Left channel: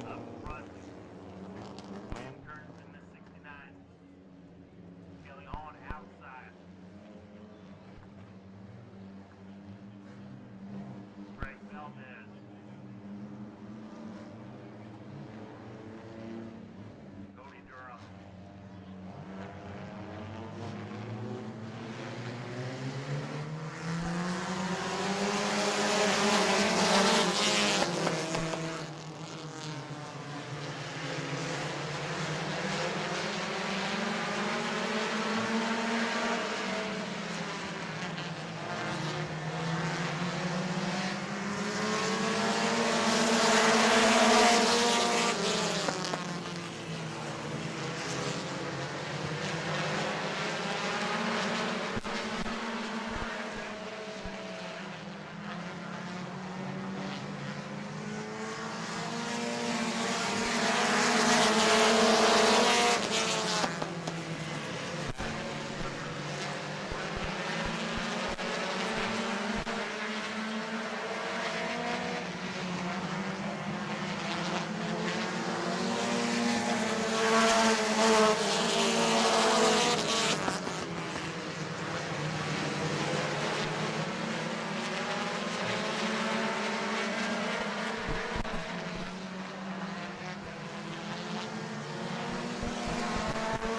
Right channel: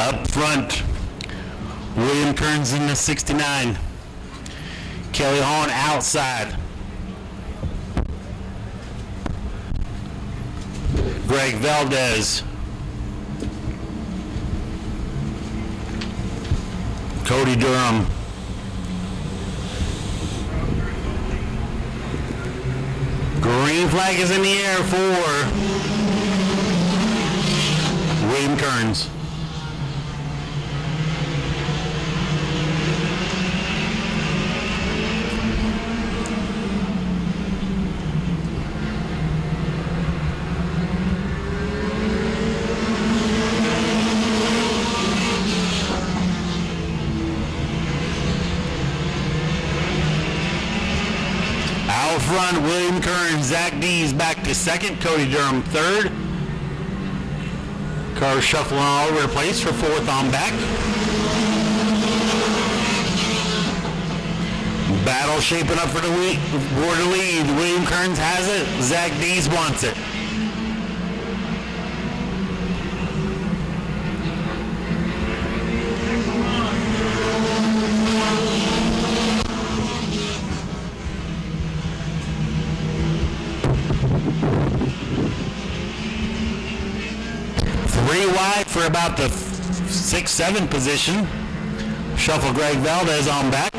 Up front, William Kearns in the 69. Kelly Hahn outside. Greg Valdez. Cody Durham. Green flag is in the air for William Kearns. Out front, William Kearns. Zach Dees back to second. Cody Durham third. Cars shuffling all over the place for fourth on back. Battle shaping up for the border lead. William Kearns has it. Zach Dees wants it. Three wide for about the 6-7 position. Shuffle Greg Valdez on back.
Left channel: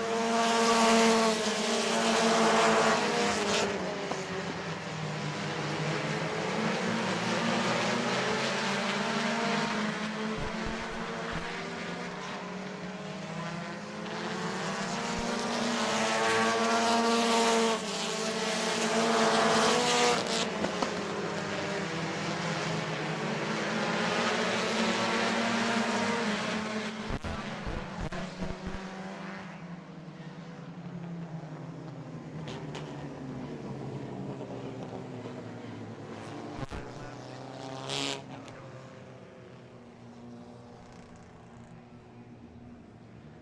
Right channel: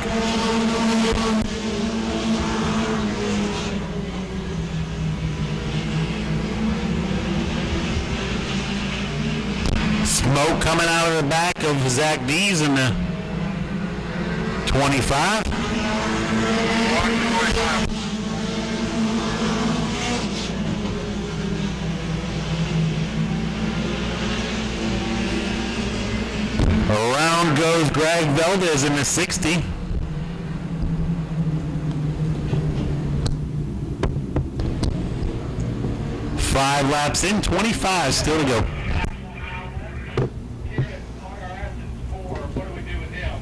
Smoke coming out of the back of Zach Dees in the 25. Around goes Greg Valdez in the 60. Five laps in, 25 still to go. What do we do with him?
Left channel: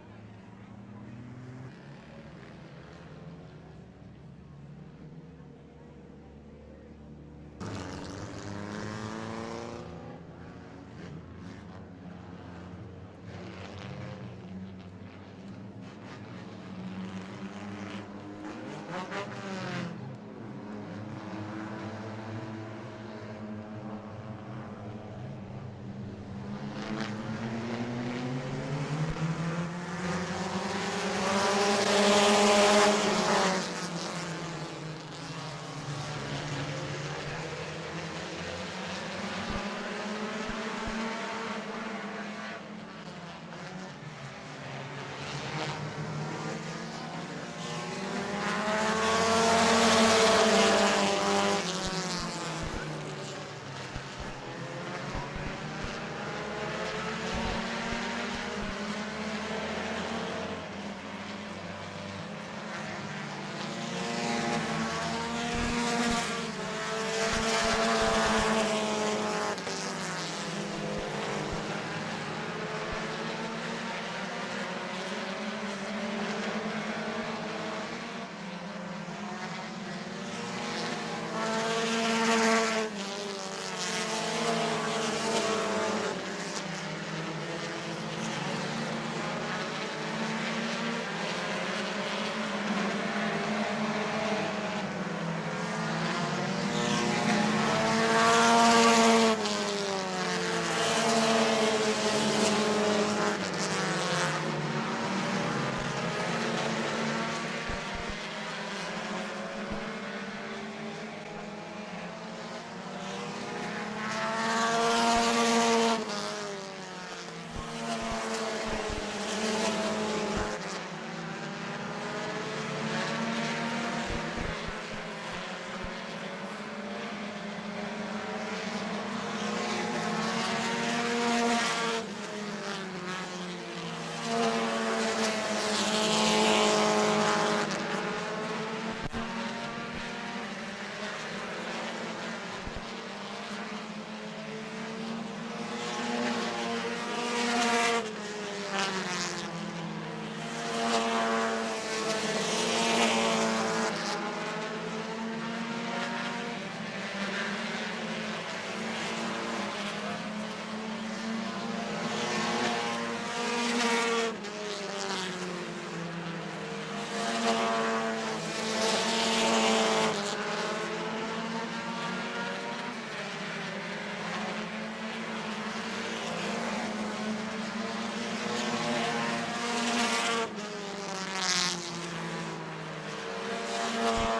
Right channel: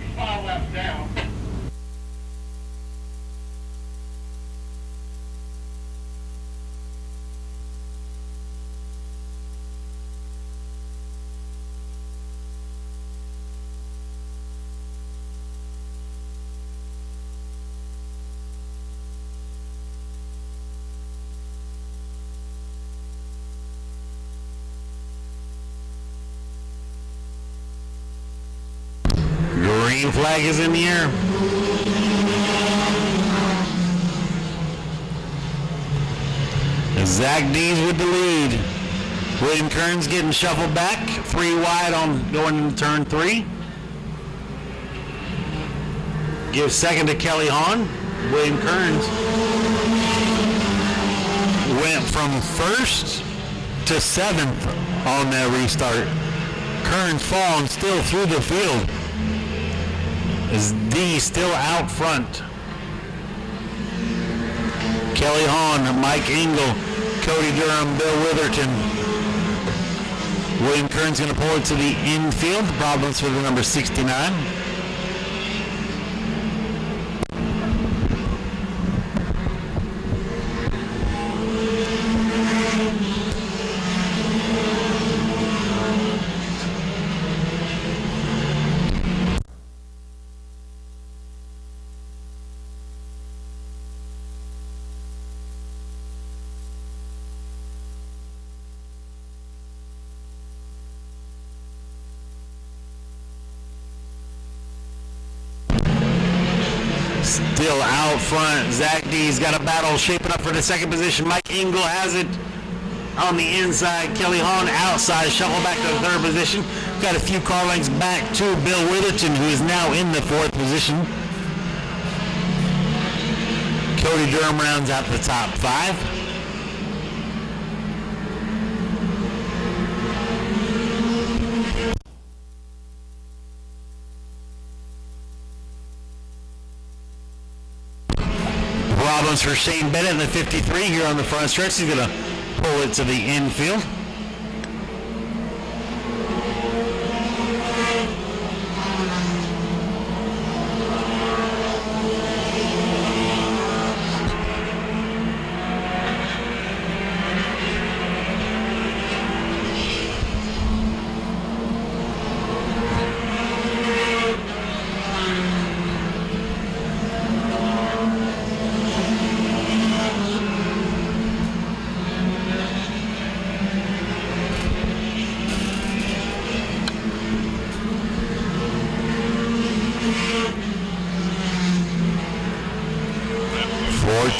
He's 5 laps down. Green flag is in the air. Zach Dees with the lead. William Kearns getting shuffled back. 3 wide on going into turn 3. Give second to Kelly Hahn. William Kearns went from 1st to 7th on that restart. Kearns falling still through the field. Is D still out front. Kelly Hahn, Mike Engel, Cody Durham, Bill Witherton. William Kearns going to pull it to the infield. Problems for the number 69. Still out front, Zach Dees got a battle shaping up for the second position. Mike Engel has it on the inside. Kelly Hahn outside, shuffle back to the 3rd position. Got a few car lengths back to Bill Witherton, who is now in the 4th position. Cody Durham rounds out the top 5. Problems for Shane Bennett in the 53 here on the front stretch. He's going to pull it to the infield.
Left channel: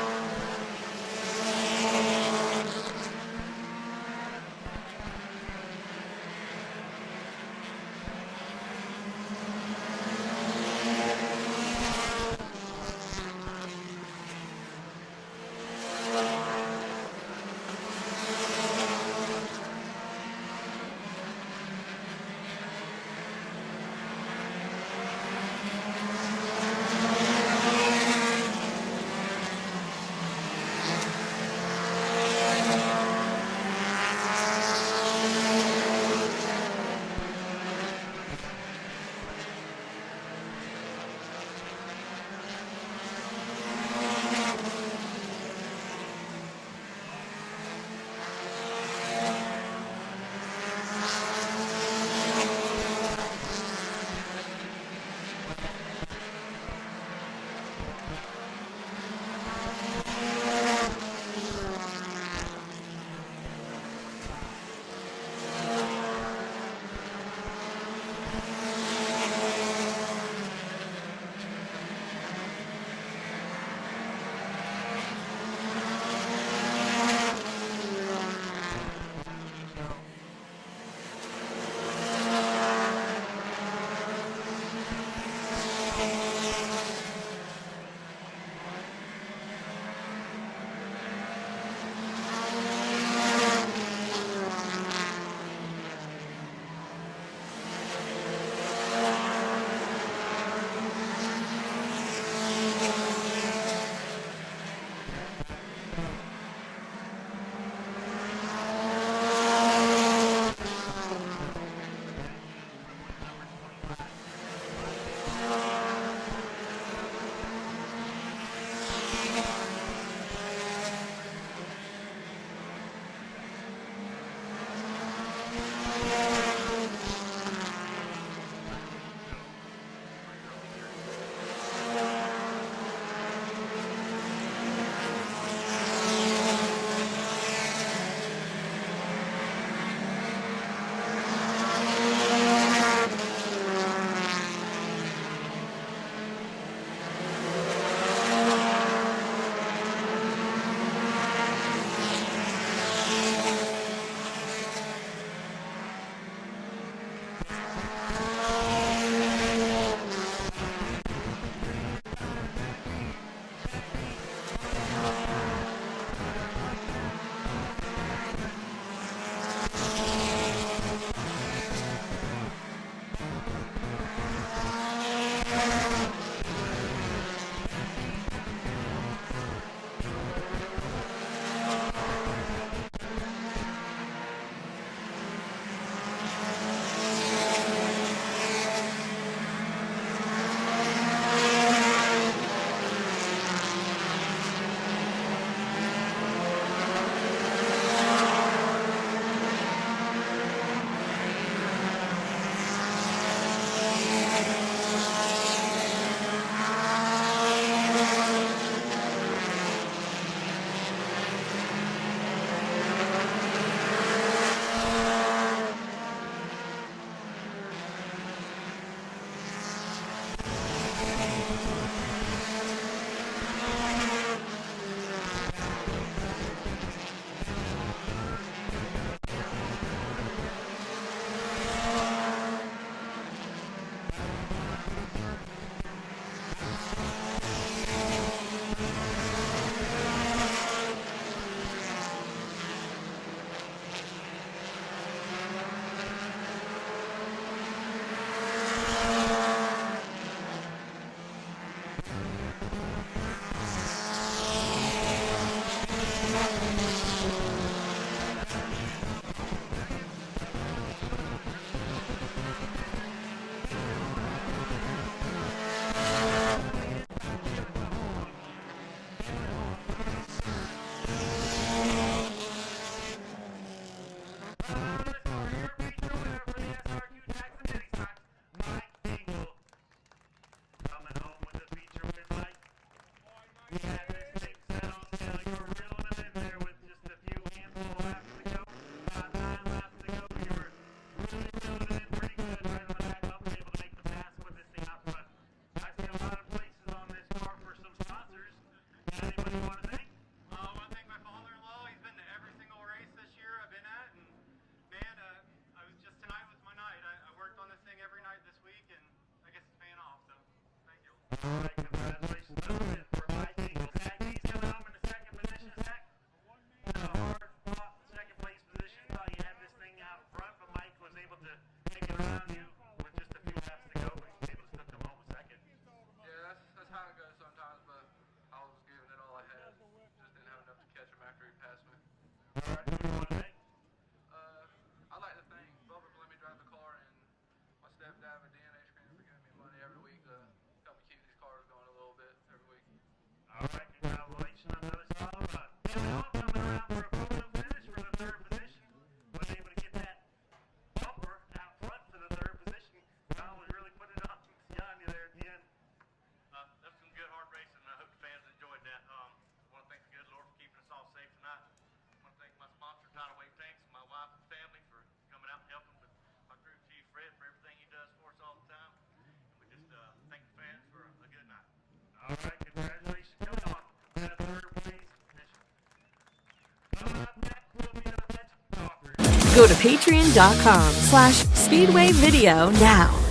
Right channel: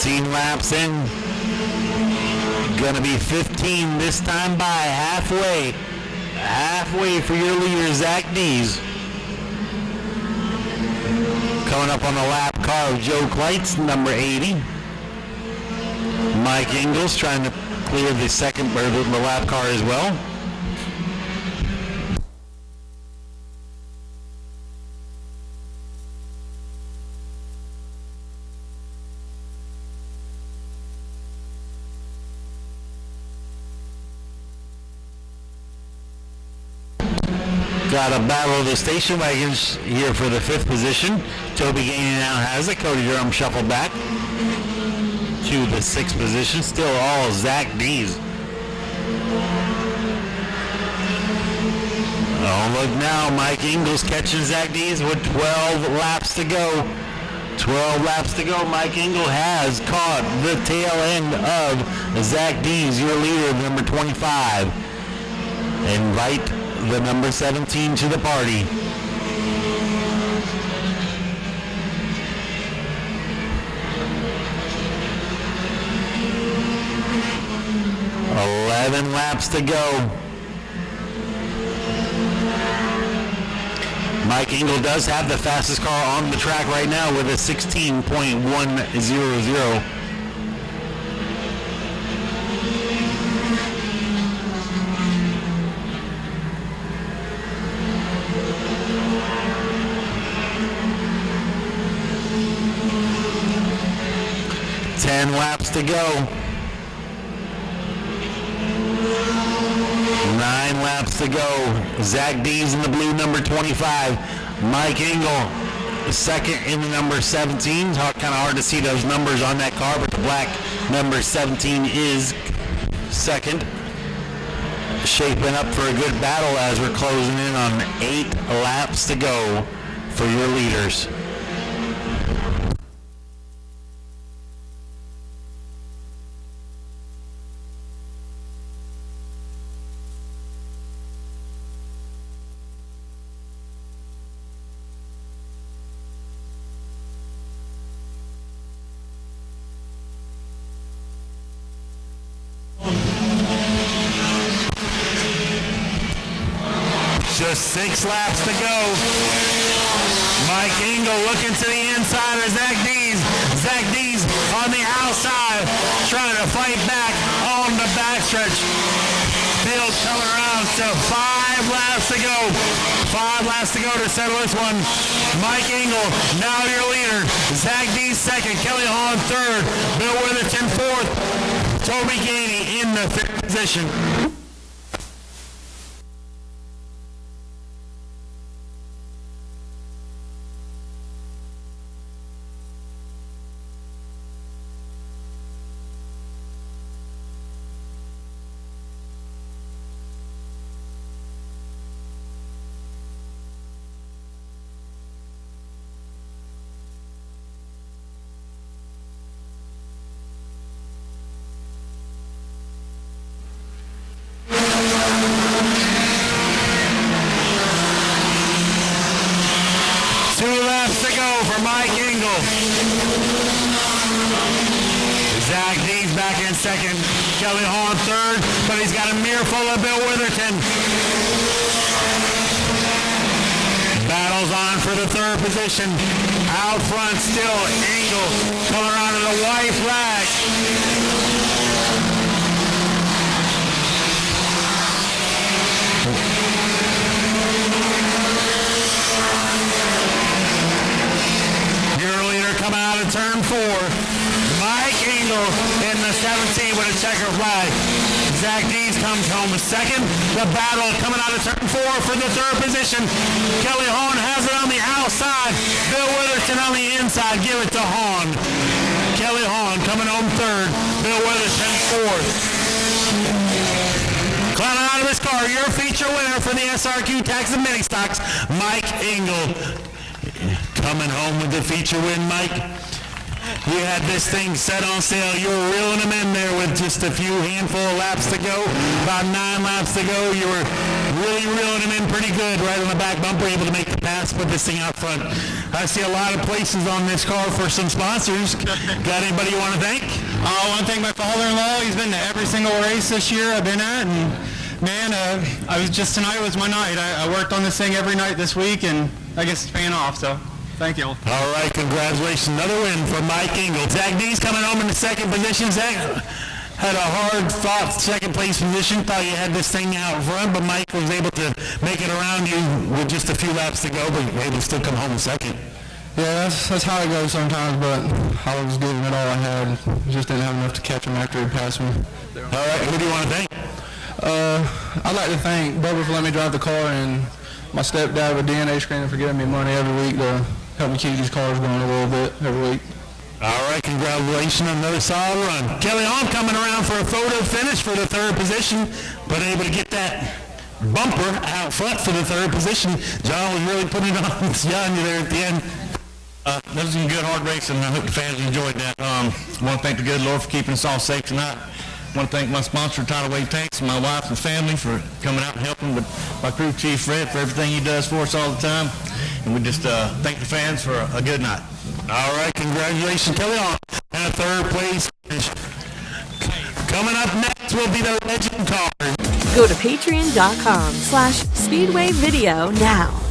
14 laps in. Gonna be 15 this time by halfway. Halfway for your leader, Zach Dees. Coming up on the lap car of Joe Kleitz, number 80. Mike Ingles trying to clear the second, or the lap car as well. Got a battle of the station wagons here for the 5th position. Toby Gainey now has it. Cody Durham shuffled back to the 6th position. Still all Zach Dees. Oh, look now. Mike Ingles catching Zach Dees with 12 laps to go. 12 laps to go. Mike Ingles has caught the tail end of Zach Dees, your leader, number 25. Invite the number 17 to the party. Laps to go. Mike Engel does have the fastest car on the track right now with a 16.100. 10 laps to go. 9 laps to go. Zach Dees in the blue, number 25. Mike Engel, second in the number 17. It's kind of hard to see those numbers on that car, but the black number 17 is second. Shaping up for a good battle as we're closing in on 8 laps to go for your leaders. Just 6 laps to go. Mike Engel looking to the inside of Zach Dees. Zach Dees on the outside, trying to fight back on the backstretch. Field coming around to 5 laps to go. 5 laps to go to settle this one. Mike Engel, now your leader. Zach Dees second. Kelly Hahn third. Bill Witherton fourth. Toby Gainey in the 5th position. Zach Dees back in second. Kelly Hahn third, but he's got a mirror full of Bill Witherton. Battles on for the 3rd position. Out front still, Engel coming around to the white flag. Your leader coming out of turn 4. Mike Engel in the 17 with a checker flag. Zach Dees comes home with second. The battle coming out of turn 4 for the 3rd position. Kelly Hahn has it on the outside. Bill Witherton on the inside. Give it to Hahn. Kelly Hahn coming home 3rd. Bill Witherton 4th. Climbing out of his car, your feature winner for the SRQ Tax and Mini Stocks, Mike Engel. Coming home with the feature win, Mike. You had this thing set on sale. You were reeling them in there with just a few handful of laps to go. About 9 laps to go. You were really reeling him in pretty good right on the back bumper, able to make the pass, put this thing out front. I see a lot of places on this car for some sponsors. Got anybody you want to thank? I want to thank my father-in-law. He's been to every single race this year I've been at, and man, tonight was my night. I worked on this thing every night this week, and I guess it's paying off, so thank you. All right, congratulations. Another win for Mike Engel. Zach D's coming home in the second position. Zach had a hard-fought second-place position. Thought you had this thing out front, but Mike was able to make it around you with just a few laps to go, but you were able to still come home in second. Yeah, that's how it goes sometimes, but I was giving it all I had. Just didn't have enough to catch him after he passed me. All right, who do you want to thank? I'd like to thank Bubba for letting me drive the car, and my stepdad with DNA Screening for giving me money every week to help me keep these cars going a little bit every week. All right, congratulations on another solid run. Kelly Hahn coming around for a photo finish for the third position, but able to get that bumper out front for the third position. John was really putting it on you there at the end. That was some good hard racing, and I hope the fans enjoyed that. I want to thank the good Lord for keeping us all safe tonight. I want to thank my sponsor, Tidal Wave Tanks, and my wife and family for coming out and helping, with my crew chief, Fred, for everything he does for us all the time. And we just thank the fans for a good night. All right, congratulations, Kelly Hahn. And a third place finish. Coming up next will be the legend card. Go to patreon.com/Speedway Video now.